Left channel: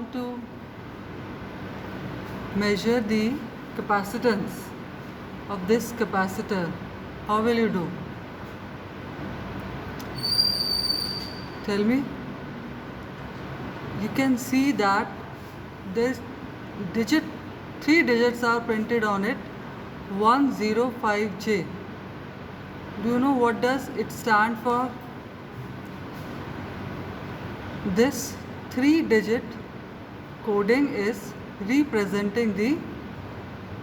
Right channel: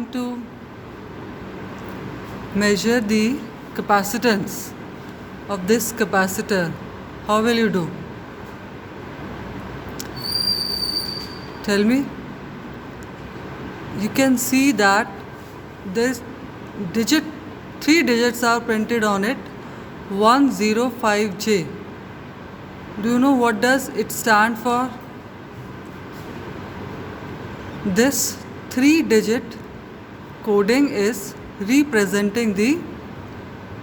want to measure the capacitance of this capacitor, how will you do? Tell me. You can see that this digit, 3 digits are printed on it, 105J. Do you know what does it stand for? This 3-digit coding is representing the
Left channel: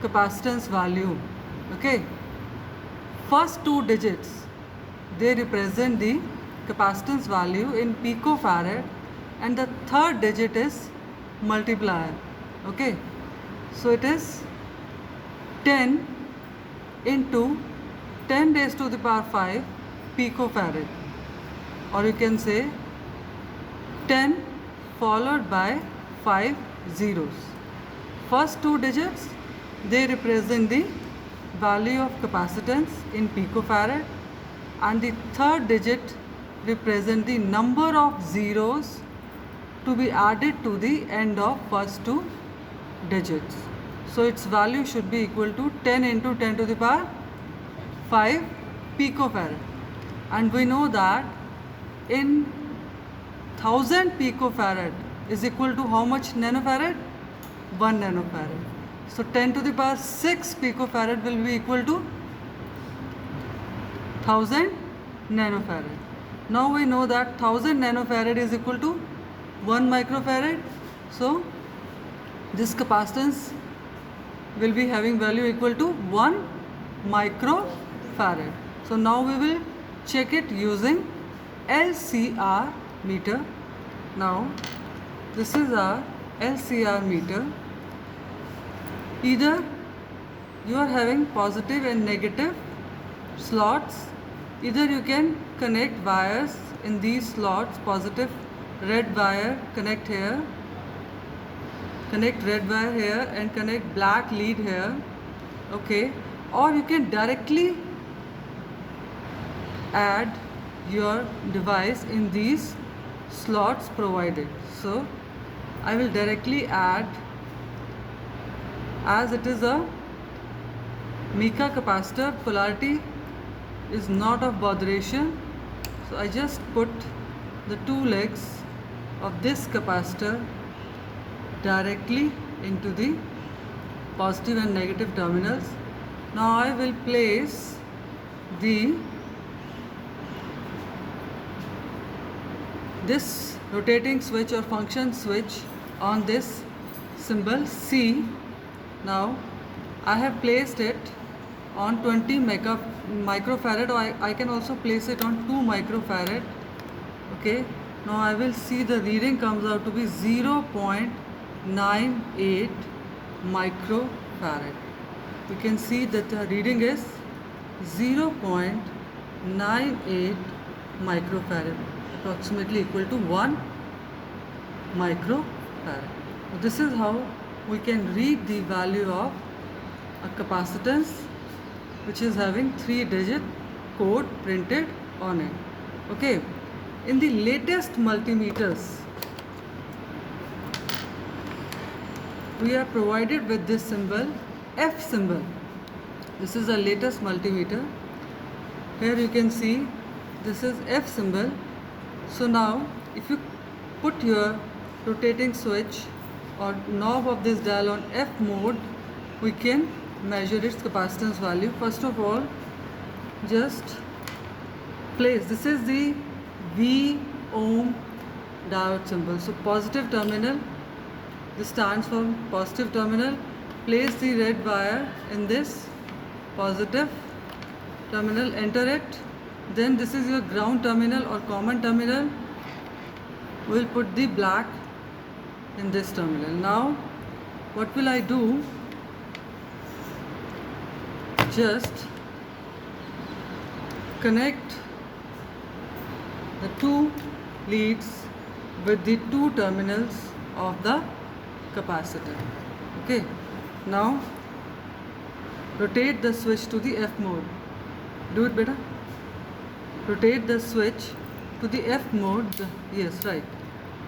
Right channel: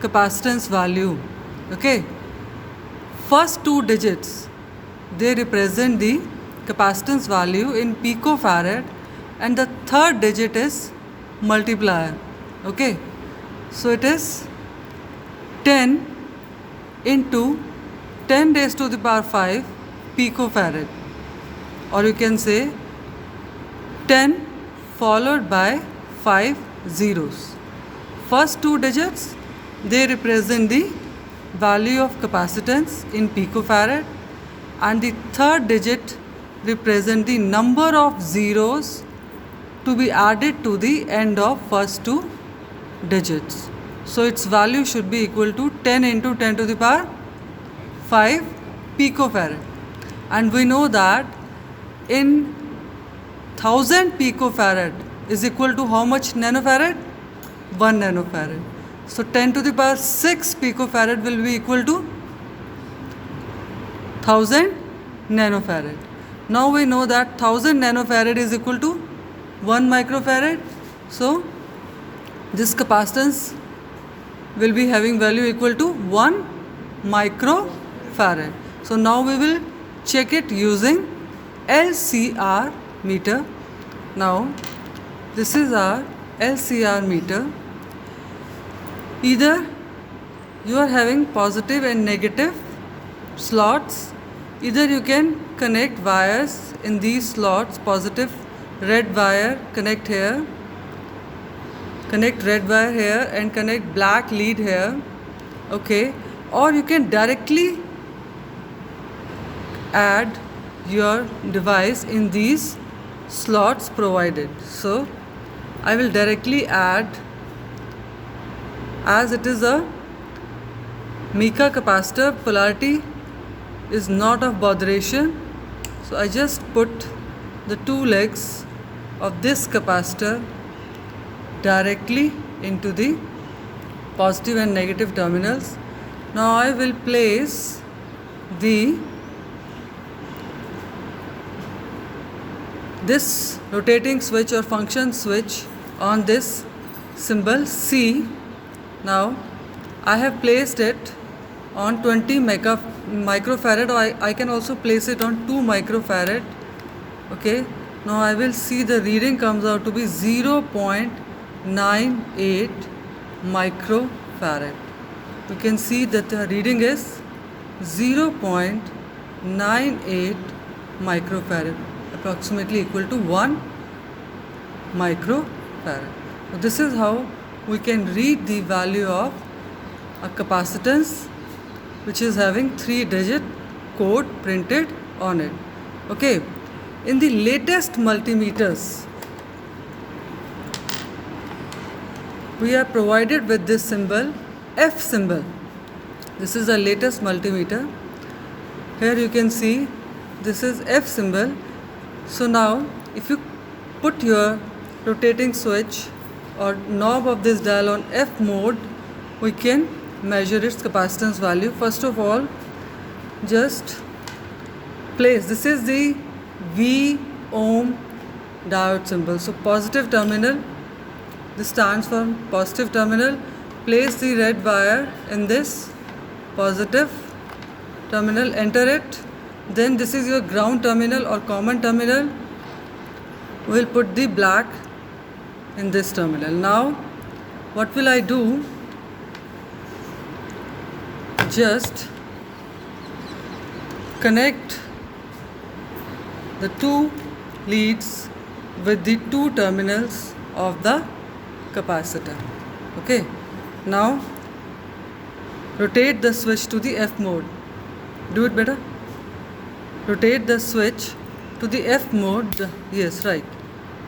capacitance value. Okay, first 2 digits, they represent the capacitance value in picofarad, and the third digit is multiplier. Okay, so it is 10 into 10 raised to the power 5 picofarad, or you can say 10 followed by 5 zeros. First 2 digits, they represent the value of capacitance in picofarad, and the third digit represent the number of zeros to be added to the end of first 2 digits. So its value should be equal to 10 into 10 to the power 5 picofarad. And we know that in 1000 picofarad is equal to how much nanofarad? 1 nanofarad. So 10 to the power 6 picofarad will be equal to 1000 nanofarad. Now we know that 1000 nanofarad is equal to 1 microfarad. So this capacitance will be having value equal to 1 microfarad. So now we will check it using LCR meter. Now this is our LCR meter. Either you are having positive and negative slots, either you can connect wires in these slots, positive red wire connect here, connect red wire here, and connect black lead here. Okay, or you can directly add your device in these slots provided. So I will directly add, as it is a mica capacitor, polarity is not of botheration. So I just put the 2 legs of this capacitor directly into the positive and negative terminals. Now I will place this rotating switch or function switch on this symbol C. Now I have placed it on 20 microfarad, or I can also place it on 2 microfarad. Okay, now I will see the reading comes out to be 0.98 microfarad. You can see that the reading is 0.98 microfarad, approximately equal to 1 microfarad. This is how we can read the value of a capacitance which is having 3-digit code printed on it. Okay, in the latest multimeters, we are provided with this symbol, F symbol. This is the latest multimeter. Here you can see this is F symbol. So now if you put your rotating switch or knob of this dial on F mode, we can measure its capacitance value. First of all, just place, this is the V ohm diode symbol. So positive terminal, this stands for positive terminal. Place the red wire in this positive terminal, enter it. Then this is your ground terminal or common terminal. We'll put the black in this terminal. Now what will I do? Just connect the 2 leads with the 2 terminals of the capacitor. Okay, now rotate the switch to the F mode. Do it better. Rotate the switch to the F mode. Yes, right.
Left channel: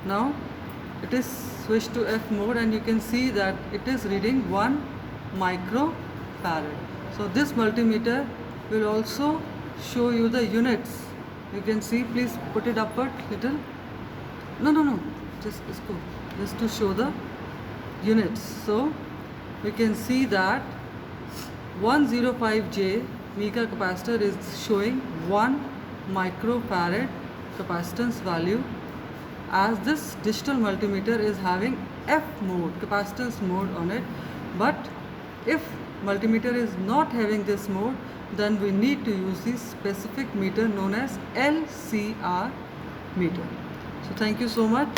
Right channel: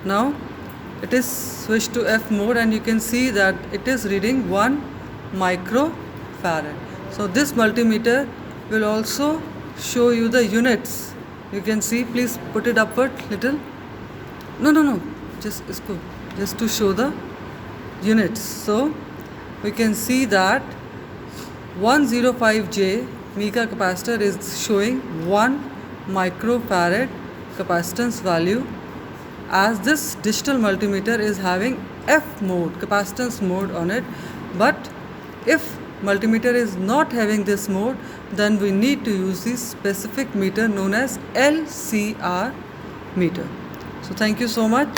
Now it is switched to F mode, and you can see that it is reading 1 microfarad. So this multimeter will also show you the units. You can see, please put it upward little. No, just isko, just to show the units. So we can see that 105J Mica capacitor is showing 1 microfarad capacitance value, as this digital multimeter is having F mode, capacitance mode on it. But if multimeter is not having this mode, then we need to use the specific meter known as LCR meter. So thank you so much.